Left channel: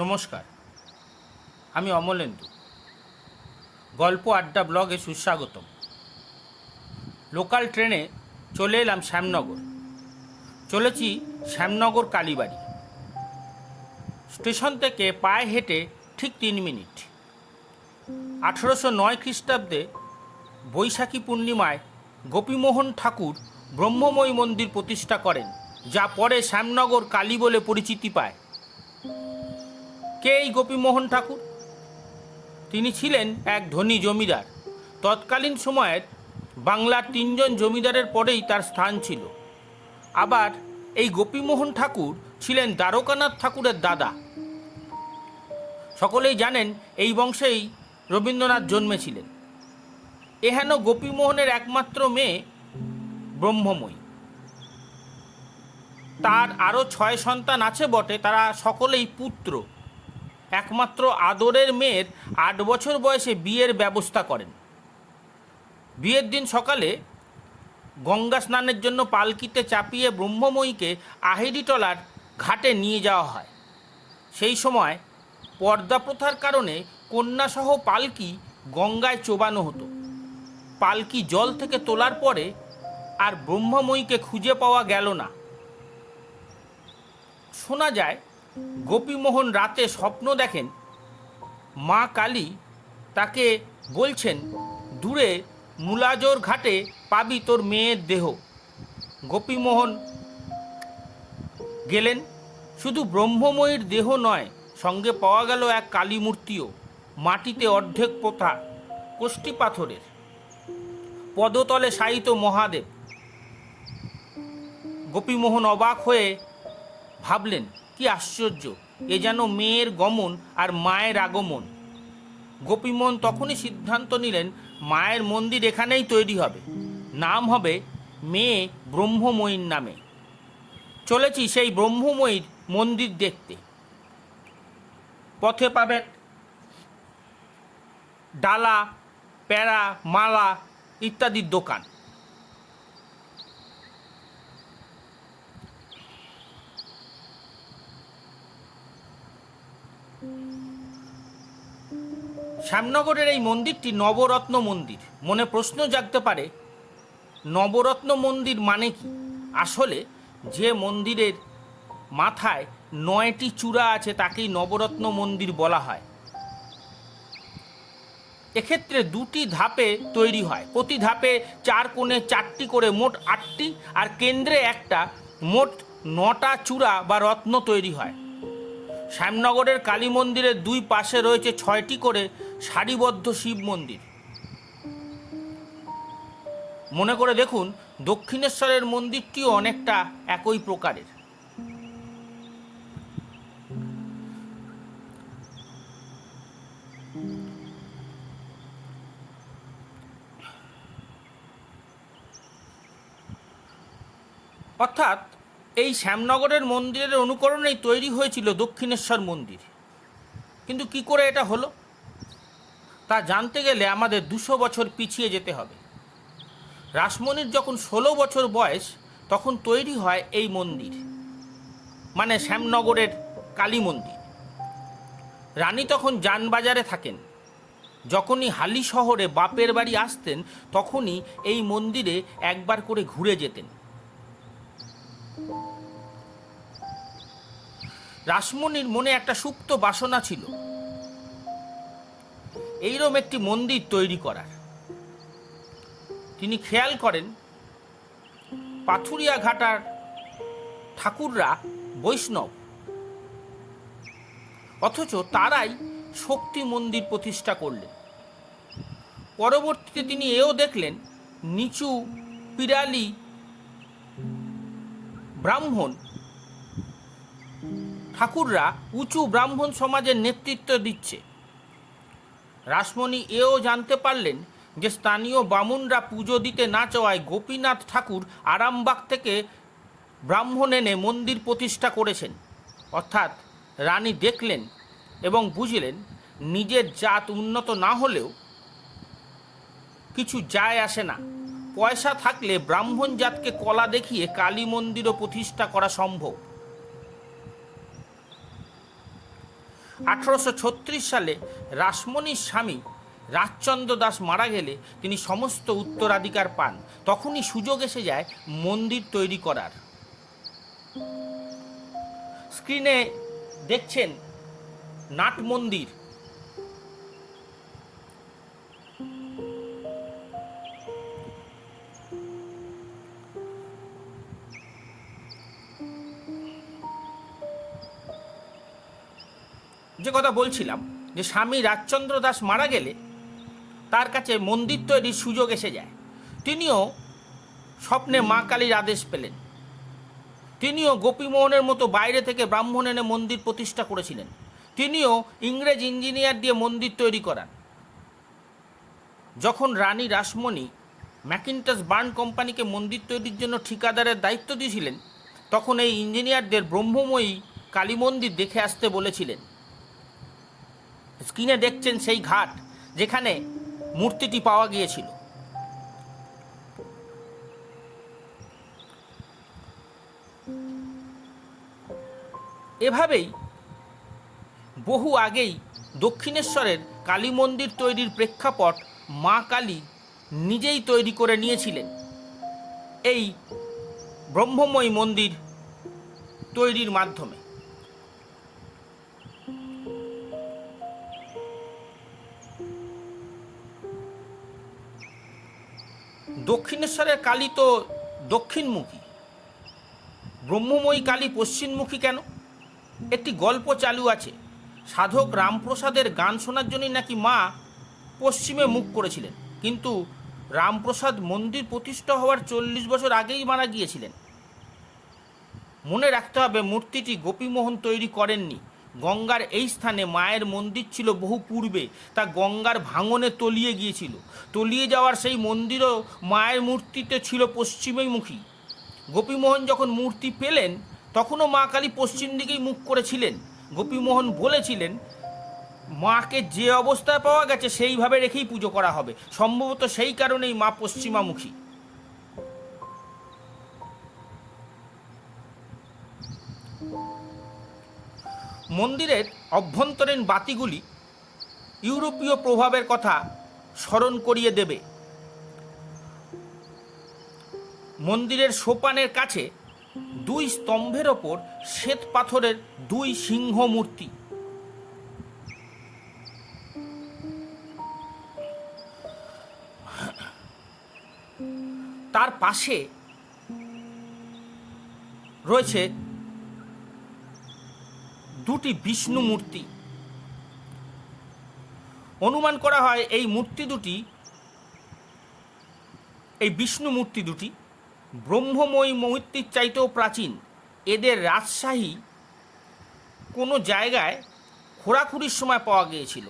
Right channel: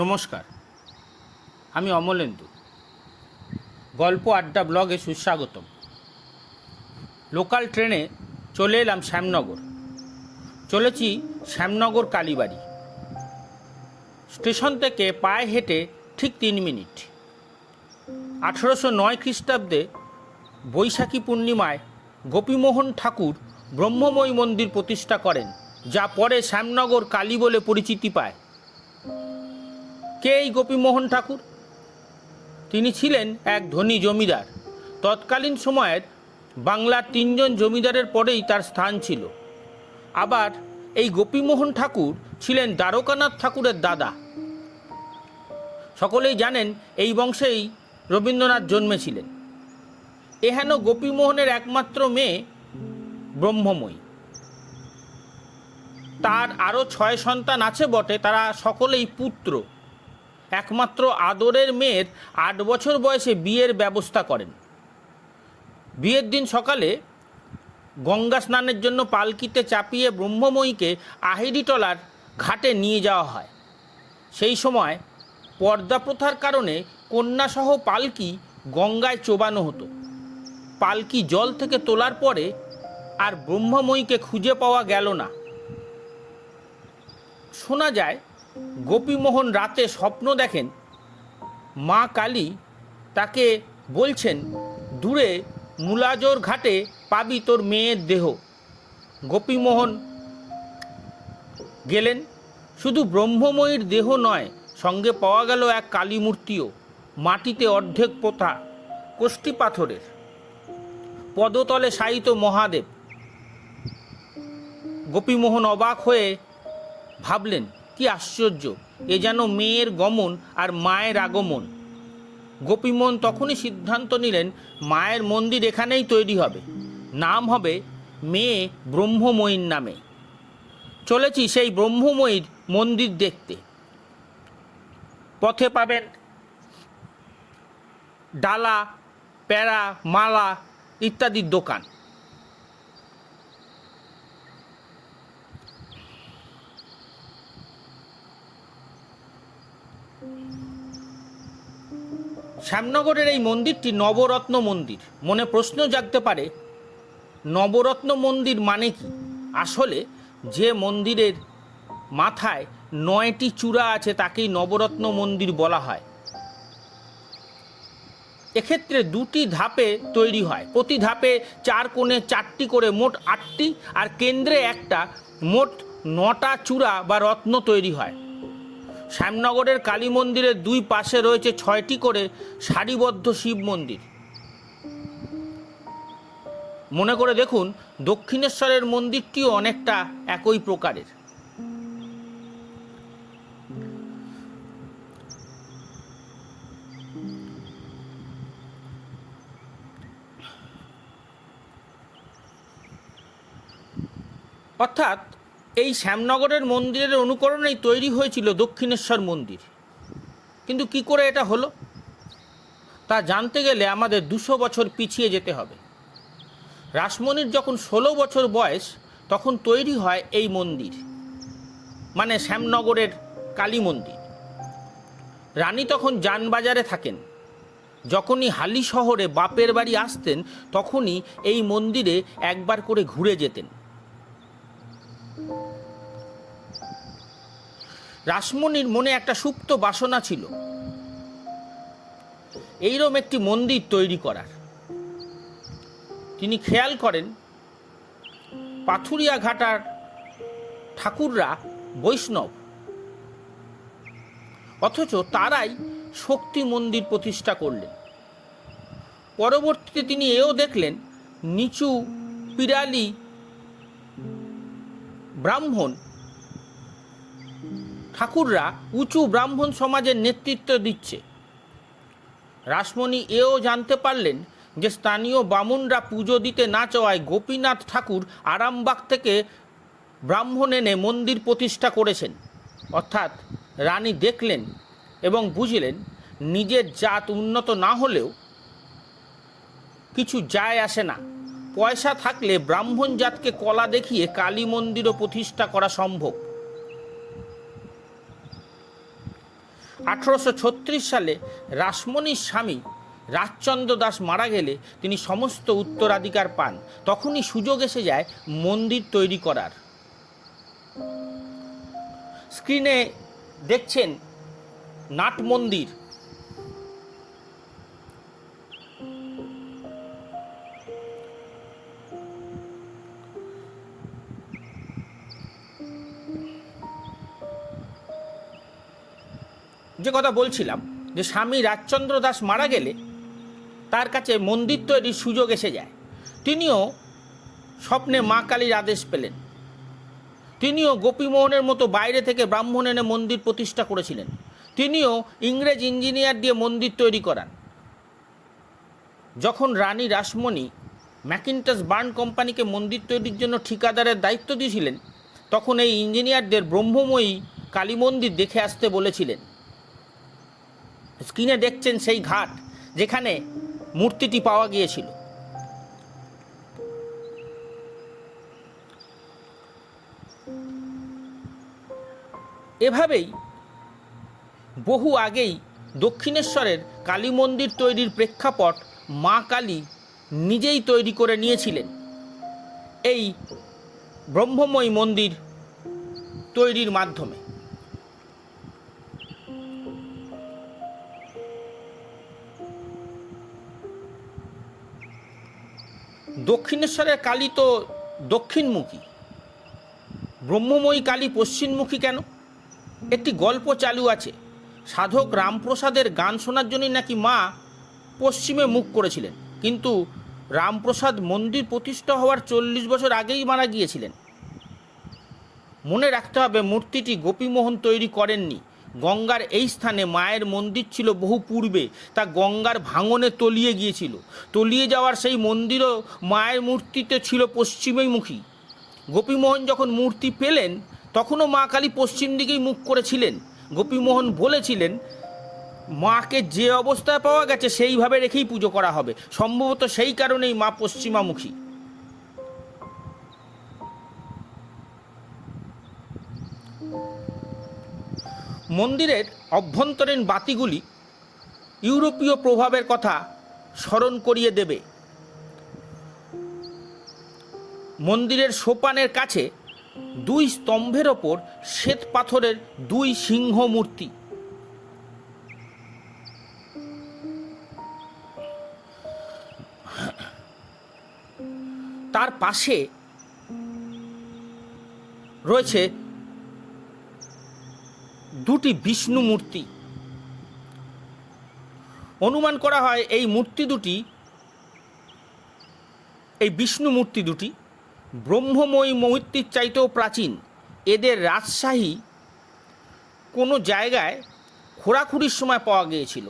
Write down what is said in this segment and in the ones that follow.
নমস্কার, আমি অমলেন্দু। গল্প আড্ডা ব্লগে সুস্বাগতম। লোকাল ট্রেনে চলে এলাম শ্যামনগর। চলেছি শ্যামনগর কালীবাড়ি। স্টেশন থেকে পায়ে হেঁটে ঠিক 3 মিনিট। 1809 খ্রিস্টাব্দে বৈশাখী পূর্ণিমায় গোপীমোহন ঠাকুর ব্রহ্মময়ী মন্দির প্রতিষ্ঠা করেন, যা পরে শ্যামনগর কালী বলে পরিচিতি পায়। কে এই গোপীমোহন ঠাকুর? তিনি ছিলেন এক ধনী জমিদার। তৎকালীন সময়ের বাংলার 3 জন জমিদারের পরেই তার স্থান ছিল। আবার এই গোপীমোহন ঠাকুর ছিলেন দ্বারকানাথ ঠাকুরের দাদা। সকলেই জানেন এই বংশেই রবীন্দ্রনাথ জন্মেছিলেন। এহেন গোপীমোহনের একমাত্র মেয়ে ব্রহ্মময়ী। তার আরও 6 সন্তান আছে বটে, তারা সকলেই পুত্র। একমাত্র আদরের মেয়ের 8 বছর বয়সে বিয়ের ব্যবস্থা করেন। বিয়ের দিন সকালে গঙ্গা স্নানের জন্য পালকিতে চাপিয়ে ব্রহ্মময়ীকে আহিরিটলার ঘাটে নিয়ে যাওয়া হয়। সেই সময় পর্দা প্রথার কারণে কন্যাসহ পালকি গঙ্গায় চোবানো হতো। পালকি জল থেকে তোলার পরে আর ব্রহ্মময়ীকে খুঁজে পাওয়া গেল না। শোনা যায় গোপীমোহন রাতে স্বপ্ন দেখেন মা কালী তাকে বলছেন, দূরে মুলাজোর ঘাটে পাবি তোর মেয়ের দেহ। গোপীমোহন গেলেন। শুধু ব্রহ্মময়ীর দেহ নয়, সঙ্গে পাওয়া গেল এক কালী মূর্তিও, মাটিতে অর্ধেক পোতা, কোষ্ঠী পাথরের। পদতলে শায়িত মহাদেব। গোপীমোহন অবাক হয়ে ভাবলেন, কি আশ্চর্য, এ যেন মেয়ের গমন আর মায়ের আগমন। গোপীমোহন তখনই সিদ্ধান্ত নিলেন মায়ের মন্দির এখানেই তৈরি হবে, নাম হবে মেয়ে ব্রহ্মময়ীর নামে। চলেছি সেই ব্রহ্মময়ীর মন্দির দেখতে। পথে পাবেন ডালা, প্যারা, মালা ইত্যাদির দোকান। শ্যামনগরের এই মন্দিরটি নবরত্ন মন্দির। মনে প্রশ্ন জাগতে পারে, নবরত্ন মন্দির মানে কি? আসলে যে মন্দিরের মাথায় 9টি চূড়া আছে তাকেই নবরত্ন মন্দির বলা হয়। এক্ষেত্রে 2টি ধাপে তৈরি হয়। প্রতি ধাপে 4 কোণে 4টি করে মোট 8টি, আর কেন্দ্রে একটা, মোট 9টা চূড়া বা রত্ন তৈরি হয়। শ্যামনগরের কালী মন্দিরের 2 পাশে রয়েছে 6টি করে সারিবদ্ধ শিব মন্দির। মনে করে দেখুন, দক্ষিণেশ্বরের মন্দিরটিও অনেকটা একই প্রকারের। অর্থাৎ এই শ্যামনগরের মন্দিরের অনুকরণেই তৈরি হয়েছিল দক্ষিণেশ্বর মন্দির। কিন্তু কি করে এটা হলো তা জানতে গেলে আমাদের 200 বছর পিছিয়ে যেতে হবে। রাসমণির যখন 16 বছর বয়স, তখন তৈরি হয় এই মন্দির, মানে শ্যামনগরের কালী মন্দির। রানী তখন যানবাজারে থাকেন। যখনই হালি শহরে বাপের বাড়ি আসতেন, তখনই এই মন্দিরে একবার করে ঘুরে যেতেন। রাসমণির মনে একটা সুপ্ত বাসনা ছিল, এইরকম একটি মন্দির তৈরি করার। তিনি খেয়াল করেন পাথুরিয়া ঘাটার ঠাকুররা বৈষ্ণব, অথচ তারাই শক্তি মন্দির প্রতিষ্ঠা করলেন। পরবর্তীতে তিনি এও দেখলেন নিচু পিরালি ব্রাহ্মণ ঠাকুররা উঁচু ব্রাহ্মণ সমাজের নেতৃত্ব দিচ্ছে। রাসমণি এও জানতে পারলেন যে স্থানীয় বামুনরা পুজো দিতে না চাওয়ায় গোপীনাথ ঠাকুর আরামবাগ থেকে ব্রাহ্মণ এনে মন্দির প্রতিষ্ঠা করেছেন। অর্থাৎ রানী দেখলেন এবং বুঝলেন নিজের জাত উন্নত না হলেও কিছু যায় আসে না, পয়সা থাকলে ব্রাহ্মণ জাতকে কলা দেখিয়ে কালী মন্দিরও প্রতিষ্ঠা করা সম্ভব। 1836 সালে রাসমণির স্বামী রাজচন্দ্র দাস মারা গেলে তিনি সমস্ত উত্তরাধিকার পান। তখনই সুযোগ এসে যায় মন্দির তৈরি করার। স্ক্রিনে দেখছেন নাট মন্দির। যে কথা বলছিলাম, যে স্বামী রাজচন্দ্র দাস মারা গেলে তার কাছে মন্দির তৈরির সুযোগ এসে যায়। তিনিও স্বপ্নে মা কালীর আদেশ পেলেন। তিনিও গোপীমোহনের মতো বাইরে থেকে ব্রাহ্মণ এনে মন্দির প্রতিষ্ঠা করেছিলেন। তিনিও ইংরেজ ইঞ্জিনিয়ার দিয়ে মন্দির তৈরি করান। যখন রানী রাসমণি ম্যাকিন্টশ বার্ন কোম্পানিকে মন্দির তৈরির জন্য ঠিকাদারের দায়িত্ব দিয়েছিলেন, তখন এই ইঞ্জিনিয়ারদের ব্রহ্মময়ী কালী মন্দির দেখে আসতে বলেছিলেন। স্ক্রিনে দেখছেন সেই ঘাট যেখানে মূর্তিটি পাওয়া গিয়েছিল। এভাবেই বহু আগেই দক্ষিণেশ্বরের কালী মন্দির তৈরির প্রেক্ষাপট মা কালী নিজেই তৈরি করে নিয়েছিলেন এই ব্রহ্মময়ী মন্দির তৈরির মাধ্যমে। দক্ষিণেশ্বরের কালী তো দক্ষিণমুখী, ব্রহ্মময়ী কালী পশ্চিমমুখী কেন? একটি গল্প চালু আছে। সাধক রামপ্রসাদের গান শোনার জন্যই নাকি মা পশ্চিমে মুখ করেছিলেন, কিন্তু রামপ্রসাদ মন্দির প্রতিষ্ঠা হওয়ার 40 বছর আগেই মারা গিয়েছিলেন। মনে রাখতে হবে, মূর্তিটি গোপীমোহন তৈরি করেননি। গঙ্গার এই স্থানে মায়ের মন্দির ছিল বহু পূর্বে, তা গঙ্গার ভাঙনে তলিয়ে গিয়েছিল। তলিয়ে যাওয়ার সেই মন্দিরও মায়ের মূর্তিতে ছিল পশ্চিমেই মুখী। গোপীমোহন যখন মূর্তি পেলেন তখনও মা কালী পশ্চিম দিকেই মুখ করেছিলেন। গোপীমোহন বলেছিলেন, মাকে যে অবস্থায় পাওয়া গেছে সেইভাবে রেখেই পুজো করা হবে। সম্ভবত সেই কারণেই মা পশ্চিমামুখী। মন্দিরের অভ্যন্তরীণ বাতিগুলি ইউরোপীয় প্রভাবের কথা স্মরণ করিয়ে দেবে। মন্দিরের সোপানের কাছে 2 স্তম্ভের ওপর শ্বেত পাথরের 2 সিংহ মূর্তি। তার পাশে রয়েছে 2টি বিষ্ণু মূর্তি। অনুমান করা হয় এই বিষ্ণু মূর্তি দুটি ব্রহ্মময়ী মূর্তির চাইতেও প্রাচীন। এদের রাজশাহী কোনো জায়গায় খোঁড়াখুড়ির সময় পাওয়া গিয়েছিল।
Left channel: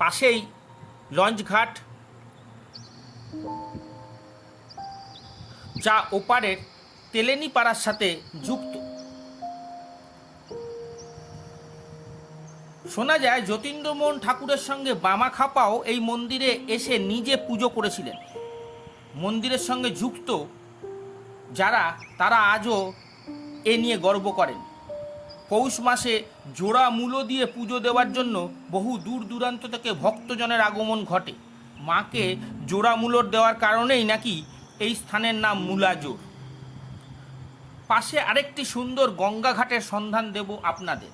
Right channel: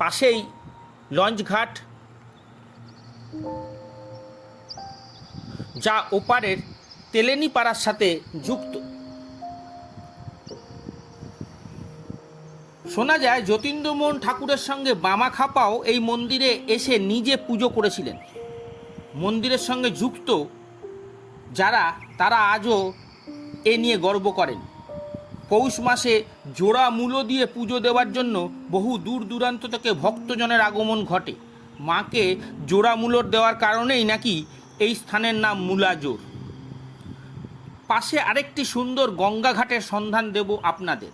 পাশেই লঞ্চঘাট, যা ওপারের তেলেনীপাড়ার সাথে যুক্ত। শোনা যায় যতীন্দ্রমোহন ঠাকুরের সঙ্গে বামাখাপাও এই মন্দিরে এসে নিজে পুজো করেছিলেন। মন্দিরের সঙ্গে যুক্ত যারা, তারা আজও এ নিয়ে গর্ব করেন। পৌষ মাসে জোড়া মূলো দিয়ে পুজো দেওয়ার জন্য বহু দূর দূরান্ত থেকে ভক্তজনের আগমন ঘটে। মাকে জোড়া মূলোর দেওয়ার কারণেই নাকি এই স্থানের নাম মূলাজোর। পাশে আরেকটি সুন্দর গঙ্গা ঘাটের সন্ধান দেব আপনাদের,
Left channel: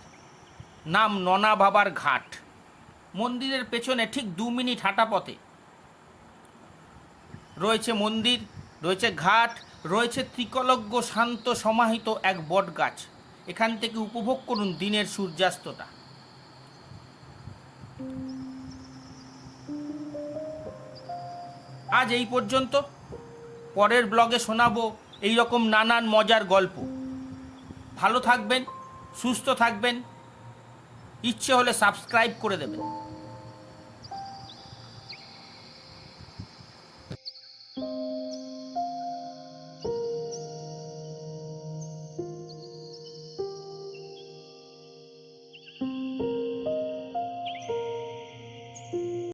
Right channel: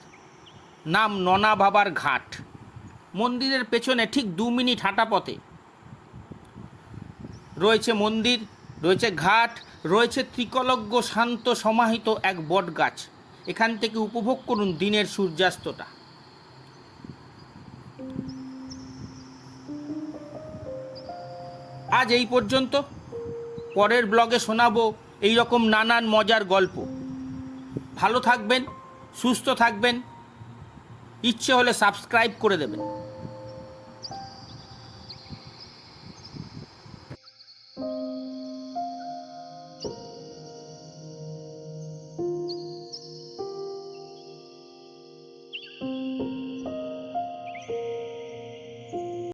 নাম ননা বাবার ঘাট। মন্দিরের পেছনে ঠিক 2 মিনিট হাঁটা পথে রয়েছে মন্দির, রয়েছে ঘাট, রয়েছে ত্রিকলজ্ঞ শান্ত সমাহিত এক বট গাছ। এখান থেকে উপভোগ করুন দিনের সূর্যাস্তটা। আজ এই পর্যন্ত। পরের ব্লগে শোনাবো এই রকম নানান মজার গল্প। ভালো থাকবেন, সুস্থ থাকবেন। ইচ্ছে হলে সাবস্ক্রাইব করে দেবেন।